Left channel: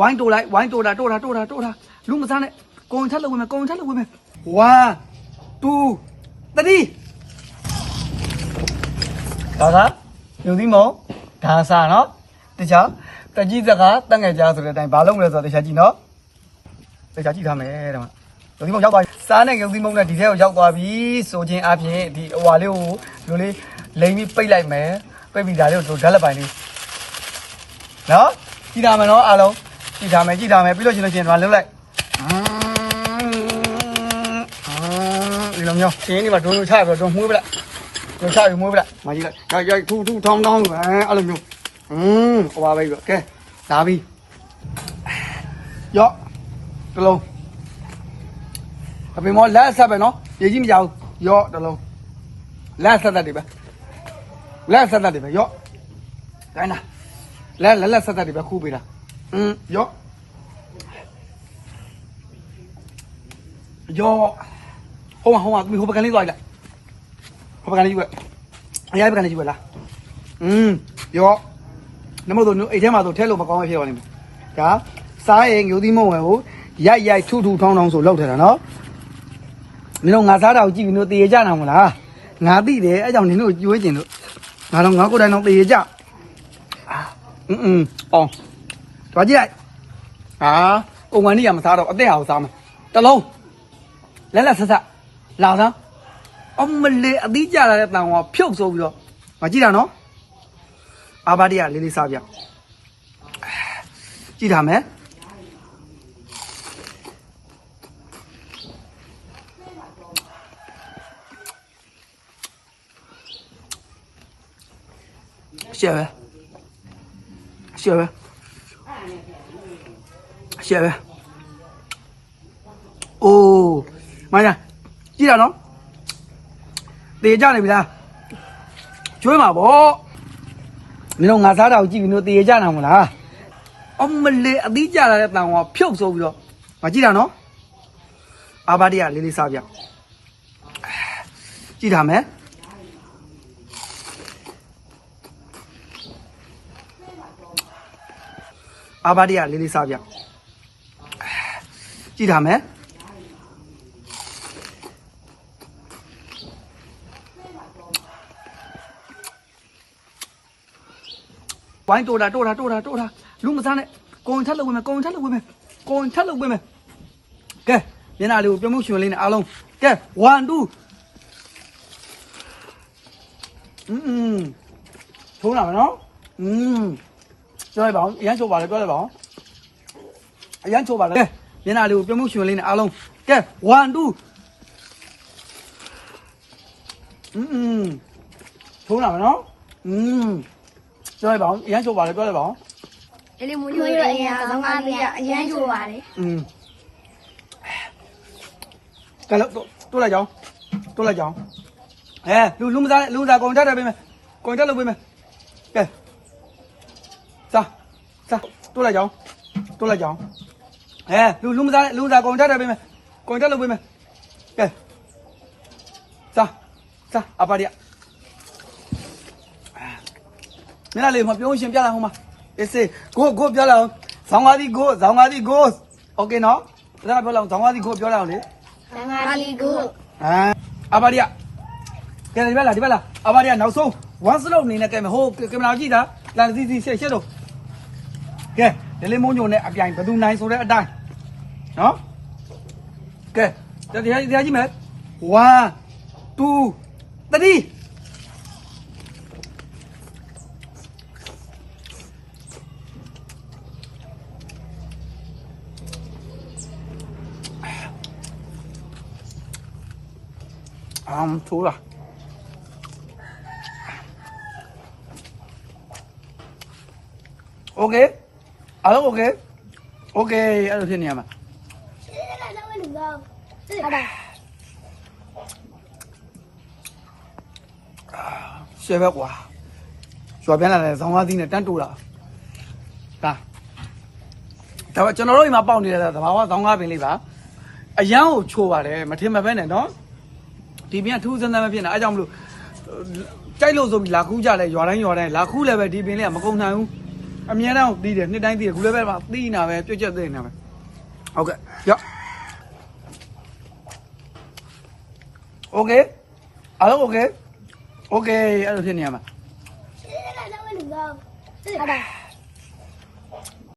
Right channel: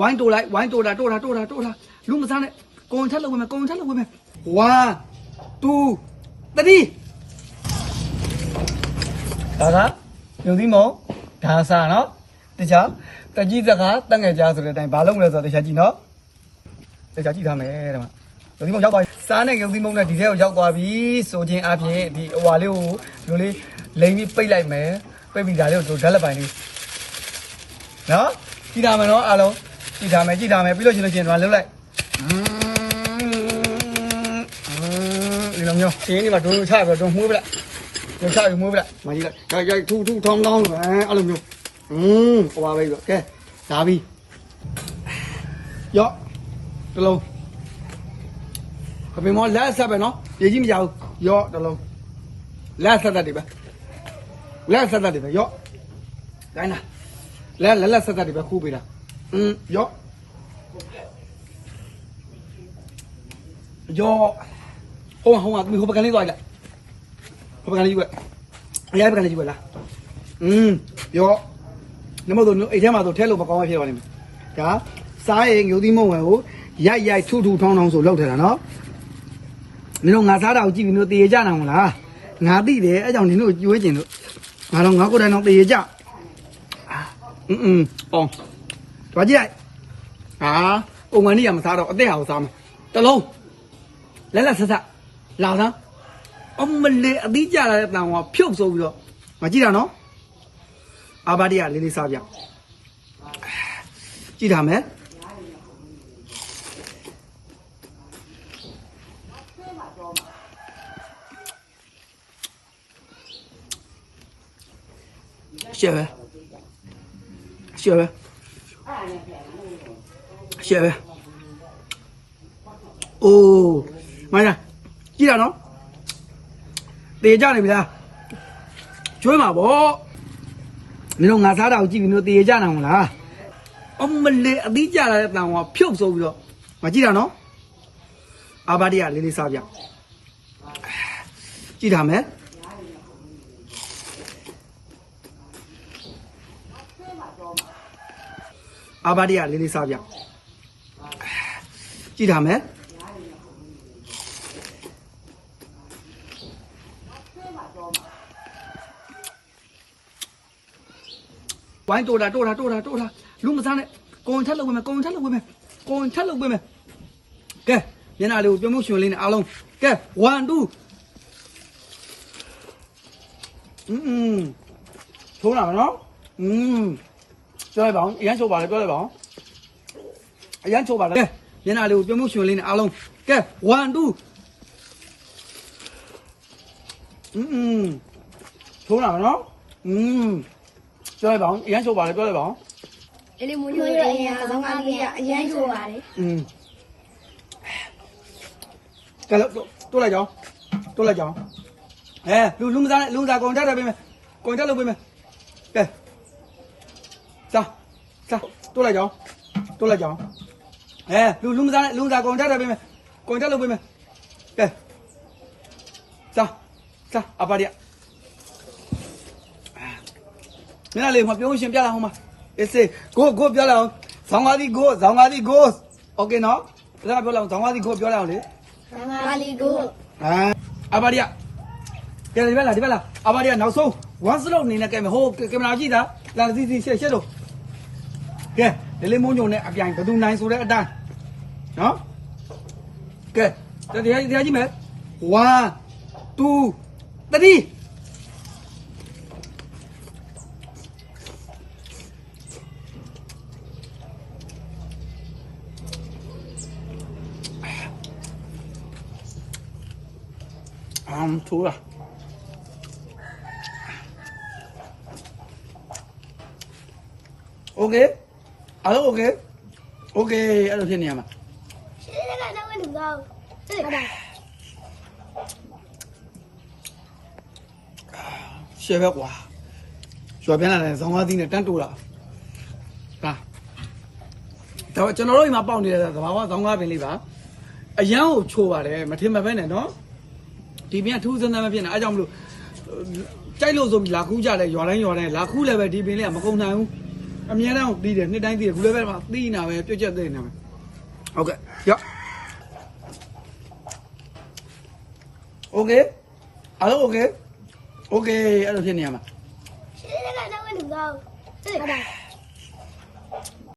ဝိုင်းတိုးလိုက်ဝိုင်းတိုးတာတိုးတာတိုးတာတိုးတာလူမစားနဲ့ကိုဝင်ထက်လောက်ဝင်မယ်ကိုဝင်ထက်လောက်ဝင်မယ်1 2 3ဒါကယုံသီးမုံဒါစားနော်တခြားတကြီးစကားတက်ငယ်ကြားဆိုတဲ့အတိုင်းဘာလုပ်မလဲဆိုတော့တခြားကြည့်နော်တခြားကြည့်ထားမယ်တဲ့မှာယုံသီးမုံရောက်သွားပြီစားနဲ့ယုံသီးမုံနဲ့ဒီထဲကိုရောက်သွားပြီဆိုခြင်းအပြင်ဒီဟိုဟာလေးကိုလိုလေးလိမ်ပြီးပိတ်လိုက်မယ်ပိတ်ပြီးဒါလေးကိုဓာတ်လက်ပိုင်လေးနော်ကြည့်ထားမယ်နော်အားလုံး ကြည့်ထားမယ်ကြည့်ထားမယ်ပြီးလို့ရှိလို့ရှိရင်တော့လှုပ်လိုက်ဒီလိုမျိုးရှင်းနေမှာဒုံဒုံချပြီးတော့မှုေးပလိုက်ဒုံချပြီးမှုေးပလိုက်မကြည့်လိုက်ရိုက်ရိုက်ထူထူထောင်းထောင်းအဲအဲ့လိုမျိုးอืมဟိုပါပဲကဲလာပြီရော့တလုံးအပြင်မောလက်ဆက်ပဲနော်ရေကြီးမကြဘူးရော့တလုံးလက်ဆက်တတ်တယ်ပဲလက်ဆက်တတ်တယ်ပဲရော့တိုင်းလားလက်လက်လက်ဆက်တတ်တယ်ပဲခူးပေးတာ 嗯，有，有，好啊好啊，你好不干你多一个，好不干你一个，哎呀不干你一个啦，嗯，有，那么多牛，一天嘛都天路不光没漂亮的，啊，啥也有的没问我，ရိုက်ရိုက်ထုထုထောင်းထောင်းဆိုလောက်ထတာနော်မင်းတို့ငါစားတာကိုကြည့်ပြီးတို့တရေကြတာမလားငါသိတယ်အဲကြောင့်နင်တို့ကြွေးကျင်လို့ငါတော့ငါကိုယ်တိုင်တော့တရေကြအင်းအင်းအော် င်တွားကြည့်လိုက်ဟာအုံဝင်နေရမစားတော့အသက်အောင်စားမယ်တလုံးလက်လက်ဆက်ဆက်လာသားအမလေးအသီးကြလာတဲ့တန်ကဖြုတ်ဆိုပြီးတော့မကြည့်တာနော်အာဘာဒီကလေးလေးစားပြကြည့်ထားမယ်ရှယ်ပဲရှယ်ပဲ ရှယ်ပဲအိုးမညာကြည့်တာနော်တေကြနေပြီလားကျွေးမှာဗောမင်းတို့ငါစားတာကိုကြည့်ပြီးတော့တေကြနာမလားအမလေးအသီးကြလာတဲ့တန်ကဖြုတ်ဆိုပြီးတော့မကြည့်တာနော်အာဘာဒီကလေးလေးစားပြကြည့်ထားမယ် အာဘာဒီကလေးလေးစားပြကြည့်ထားမယ်ဝိုင်းတိုးတာတိုးတာတိုးတာတိုးတာလူမစားနဲ့ကိုဝင်ထက်လောက်ဝင်မယ်ကိုဝင်ထက်လောက်ဝင်မယ်ကိုဝင်ထက်လောက်ဝင်မယ်ကဲမျက်နှာလေးကိုပြုံးမှုရှင်လေးနဲ့အားလုံးကဲ1 2อืมထုံးလာမနော်อืม ပြောလိုက်ပါအောင်အရန်ချိုးပါလေပြောလိုက်ပါအောင်အရန်ချိုးပါလေကဲမျက်နှာလေးကိုပြုံးမှုရှင်လေးနဲ့အားလုံးကဲ1 2อืมထုံးလာမနော်อืมပြောလိုက်ပါအောင်အရန်ချိုးပါလေပြောလိုက်ပါအောင် ဒီလိုမျိုးရအရင်ဆုံးကားပြအရင်ချိုးပါလေ อืมကဲလို့တိုးလိုက်ကြအောင်တိုးလိုက်ကြအောင်အဲလူလူမသားနဲ့လူသားကုန်တက်တယ်ပေးမယ်ကုန်တက်လို့ပေးမယ်ကဲ စားစားတိုးလိုက်ကြအောင်တိုးလိုက်ကြအောင်အဲလူလူမသားနဲ့လူသားကုန်တက်တယ်ပေးမယ်ကုန်တက်လို့ပေးမယ်ကဲစားစားအပါရမင်းလေးမပြောရှင်ပြလာဟိုမှာအေးစေကိုကိုပြောလာအောင်ဇောင်းကားဒီကိုဇောင်းကားဒီကိုโอเคနော်ဒါကပြောလာအောင်ဇောင်းကားဒီကိုပြောလာအောင်လေ ငါလီကို အာအဘာရီယာကဲဒီဘက်လာဒီဘက်လာအဘာရီယာနောက်ဆုံး one slope အနေနဲ့ကဲမယ်ဟိုကင်မရာကြည့်တာလာစီစီရှက်ရှက်တော့ ကဲလေးလေးမုံညိုနဲ့အပြိုင်ဘယ်သူနိုင်ဆိုတဲ့အတိုင်းနော်ကဲတရားတရားကြည့်မယ်1 2 3汤出了。OK。 အားလုံး okay okay အဲ့လိုဖြစ်နေရမှာရှယ်ပဲကွာရွာပြန်လာတယ်ဇောင်းသားသီးနဲ့တန်းတိုးတာဒါဒါကျွန်တော်တို့အိမ်မှာပေါက်နေတဲ့သဘာဝဇောင်းကားပင်လေးပါအရန်ကိုချိုးပါတယ်မထင်မပဲနဲ့နော်ဒီပြန်ထူးစမ်းစမ်းမဖြစ်နဲ့အဲကြောင့်မလို့ကြိုက်လို့ဆိုပြီးလာခူးကြလဲရွာတိုင်းရွာတိုင်းလာခူးလည်းပဲဒီပင်လေးကမကုန်နိုင်ဘူး အမြဲတမ်းတီးတယ်နှစ်တိုင်းတီးတယ်ကိုလေးပဲမှာတီးနေတာပဲပြွက်ကျက်သိနေတာပဲဟုတ်ကဲ့ရော့ okay အားလုံး okay okay အဲ့လိုဖြစ်နေရမှာ I don't want to go.